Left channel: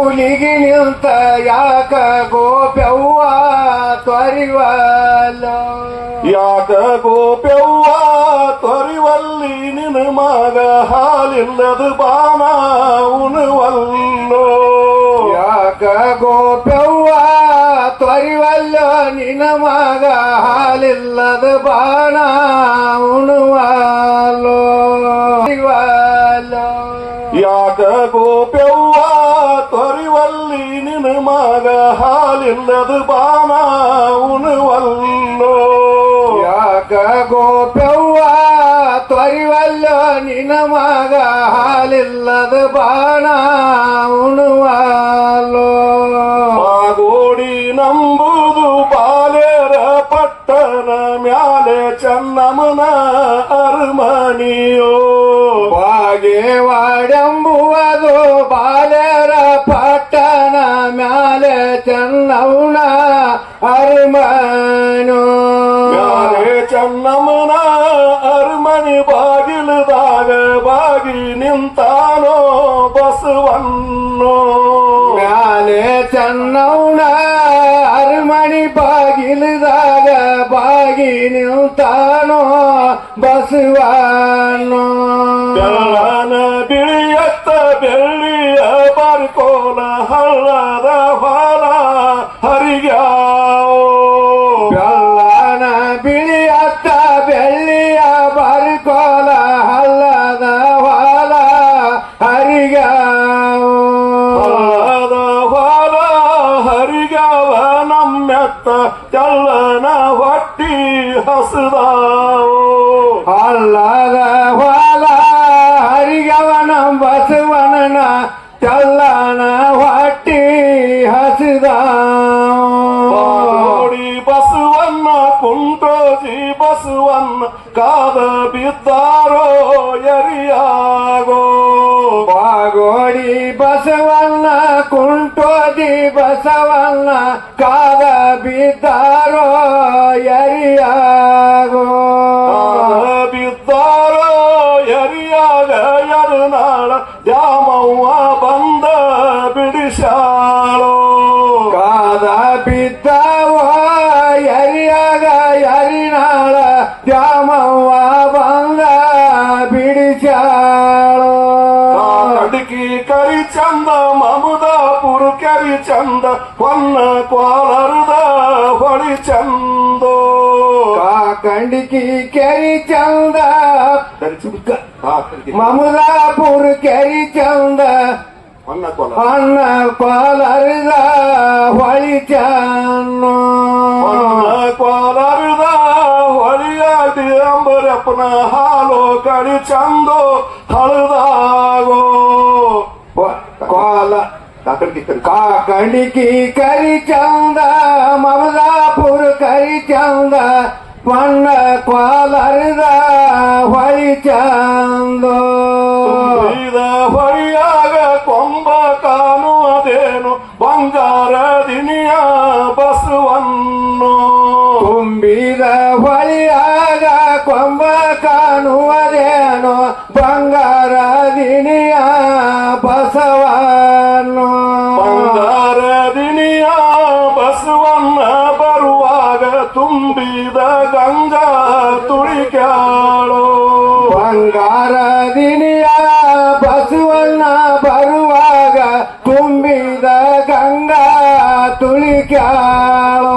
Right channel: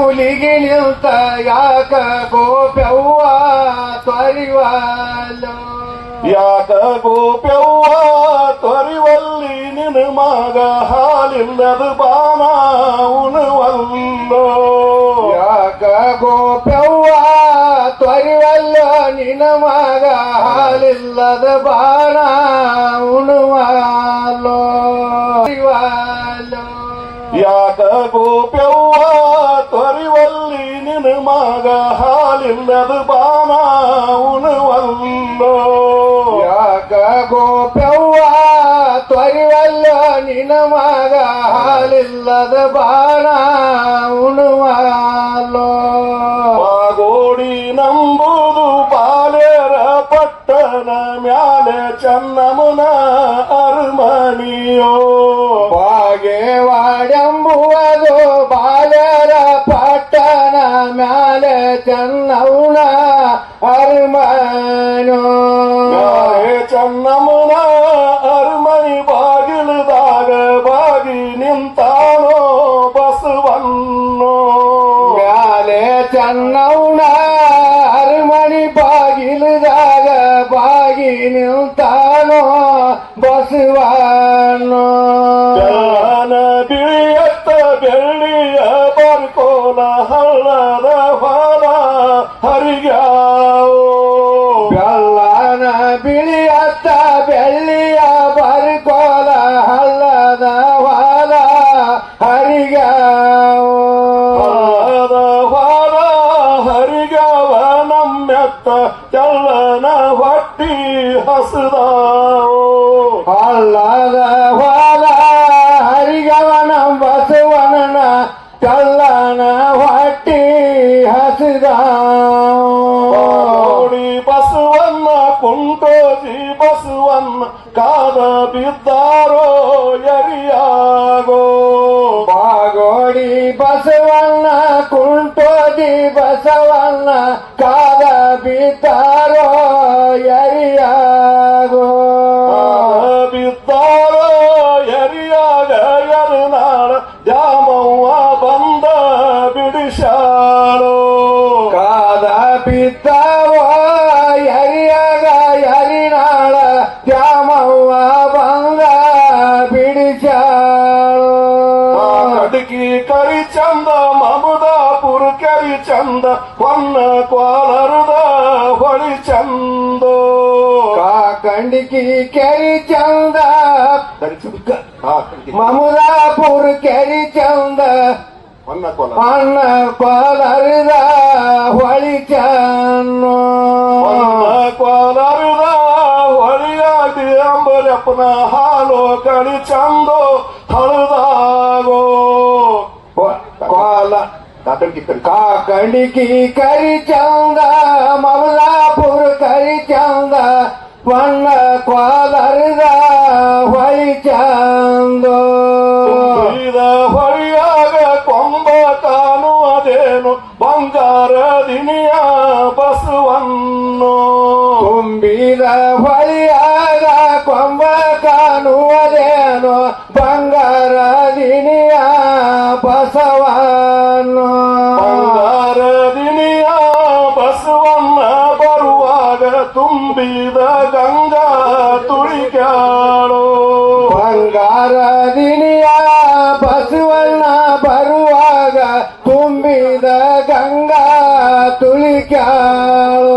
ಮೌಲಿಗೆ ನಿಂತ ಯಾಕ ಗೋಪ್ಯವ್ವ ತ್ವರಿವಲ್ಲ ಯಾಕ ಗೋಪ್ಯವ್ವ ತ್ವರಿವಲ್ಲಿ ನಿನ್ನ ಮಗ ಹಾಲಿಲ್ಲದ ಬಾಣ ಉಣವಲ್ಲೋ ಯಾಕ ಗೋಪ್ಯವ್ವ ತ್ವರಿವಲ್ಲ ನಿನ್ನ ಮಗ ಹಾಲಿಲ್ಲದ ಬಾಣ ಉಣವಲ್ಲೋ ಯಾಕ ಗೋಪ್ಯವ್ವ ತ್ವರಿವಲ್ಲಿ ನಿನ್ನ ಮಗ ಹಾಲಿಲ್ಲದ ಬಾಣ ಉಣವಲ್ಲೋ ಯಾಕ ಗೋಪ್ಯವ್ವ ತ್ವರಿವಲ್ಲ ನಿನ್ನ ಮಗ ಹಾಲಿಲ್ಲದ ಬಾಣ ಉಣವಲ್ಲೋ ಗೋಡಿ ನಂಬುದು ಬಾಲೇರ ಪಟ್ಟಣ ಮ್ಯಾಲೆ ಚನ್ನಮ್ಮನ ಅರಮನಿಯೋ ಬಾಗೇವಾಡೆಂಬುವುದು ಬಾಲೇರ ಪಟ್ಟಣ ಮ್ಯಾಲೆ ಚನ್ನಮ್ಮನ ಅರಮನೋ ಮ್ಯಾಲೆ ಚನ್ನಮ್ಮನ ಅರಮನಿ ಬಾಗಿಲದಾಗ ಬಾಗಿ ನಿಂತಾನೋ ಬಸವನ್ನೋ ಮ್ಯಾಲೆ ಚನ್ನಮ್ಮನ ಅರಮನಿ ಬಾಗಿಲದಾಗ ಬಾಗಿ ನಿಂತಾನೋ ಬಸವನ್ನೋ ಬೆಳ್ಳನ ಬಿಳಿಯತ್ತ ಬೆಳ್ಳಿಯ ಬರ್ಕೋಲ ಹಳ್ಳದ ಹೊಲ ಹರಿಗ್ಯಾವೋ ಬೆಳ್ಳನ ಬಿಳಿಯತ್ತ ಬೆಳ್ಳಿಯ ಬರ್ಕೋಲ ಹಳ್ಳದ ಹೊಲ ಹರಿಗ್ಯಾವೋ ಹಳ್ಳದ ಹೊಲ ಹರಿಗ್ಯಾವ ನಮ್ಮೆತ್ತ ತೆಳ್ಳನ ಹೊಟ್ಟಿ ಹಸದಾವೋ ಹಳ್ಳದ ಹೊಲ ಹರಿಗವನ ಬಸವನನ ಚಲ್ಲನ ಹೊಟ್ಟಿ ಹಸಿದ ನೋಡಿ ಬಸವನ್ನ ಕುಂಟೋಜಿ ಬಸವನ್ನ ಕಾದ ಬಿದ್ದಾರೋ ಎರಿಯಾಗೋ ಬಾಗೋಡಿ ಬಸವನ್ನ ಕುಂಟೋದಿ ಬಸವನ್ನ ಕಾದ ಬಿದ್ದಾರೋ ಎರಿಯಾಗೋ ಬಿದ್ದಾರೋ ಎರಿಯಾಗ ಎರುನಾಳ ದ್ಯಾಮವ್ವ ಬಂದ ಬಿಡಿಸಾಳೋ ಕಾದ ಬಿದ್ದಾವ ಎರಿಯಾಗ ಎರಿನಾಳ ದ್ಯಾಮವ್ವ ಬಂದ ಬಿಡಿಸಾಳೋ ಅಡಕಿ ಕರಿ ಚಂದ ಮಮದಾಪುರ ಕರಿ ಚಂದ ಹೊನ್ನ ಕೋಲಾರದ ಹೊಳಿ ಚಂದೋ ಕಾಕಂಡಿಕಿ ಕೆರಿ ಚಂದ ಮಮದಾಪುರ ಕೆರಿ ಚಂದ ಹೊನ್ನ ಕೋಲಾರ ಅನ್ನ ಕೋಲಾರದ ಹೊಳಿ ಚನ್ನೋ ಹೊನ್ನ ಕೋಲಾರದ ಹೊಳಿಯಾಡಿ ಅಂಬರಪ್ಪನ ಹಾಲು ಕರಿ ಚಂದೋ ಹಳದಾಗೋ ಕೋಲ ಕಾಕಂಡಿಕಿ ಕರಿ ಚಂದ ಮಮದಾಪುರ ಕರಿ ಚಂದ ಹೊನ್ನ ಕೋಲಾರದ ಹೊಳಿ ಚಂದೋ ಹೊಳಿಯಾಗ ಕೊಂಬ ಕಾಣುವುದೇನು ಬಂಗಾರ ದಿನಿಯ ಬಸವನ್ನೋ ತುಂಬಿದ ಹೊಳಿಯಾಗ ಕೊಂಬ ಕಾಣುವುದೇನೋ ಬಂಗಾರ ದಿನಿಯ ಬಸವನ್ನೋ ಬಂಗಾರ ದಿನಿಯ ಬಸವನ್ನ ಬರುವಾಗ ತುಂಬಿದ ಗಂಗಾ ತುಳಿಕಾಳೋ ಬಂಗಾರ ದಿನಿಯ ಬಸವನ್ನ ಬರುವಾಗ ತುಂಬಿದ ಗಂಗಾ ತುಳಿಕ್ಯಾಳೋ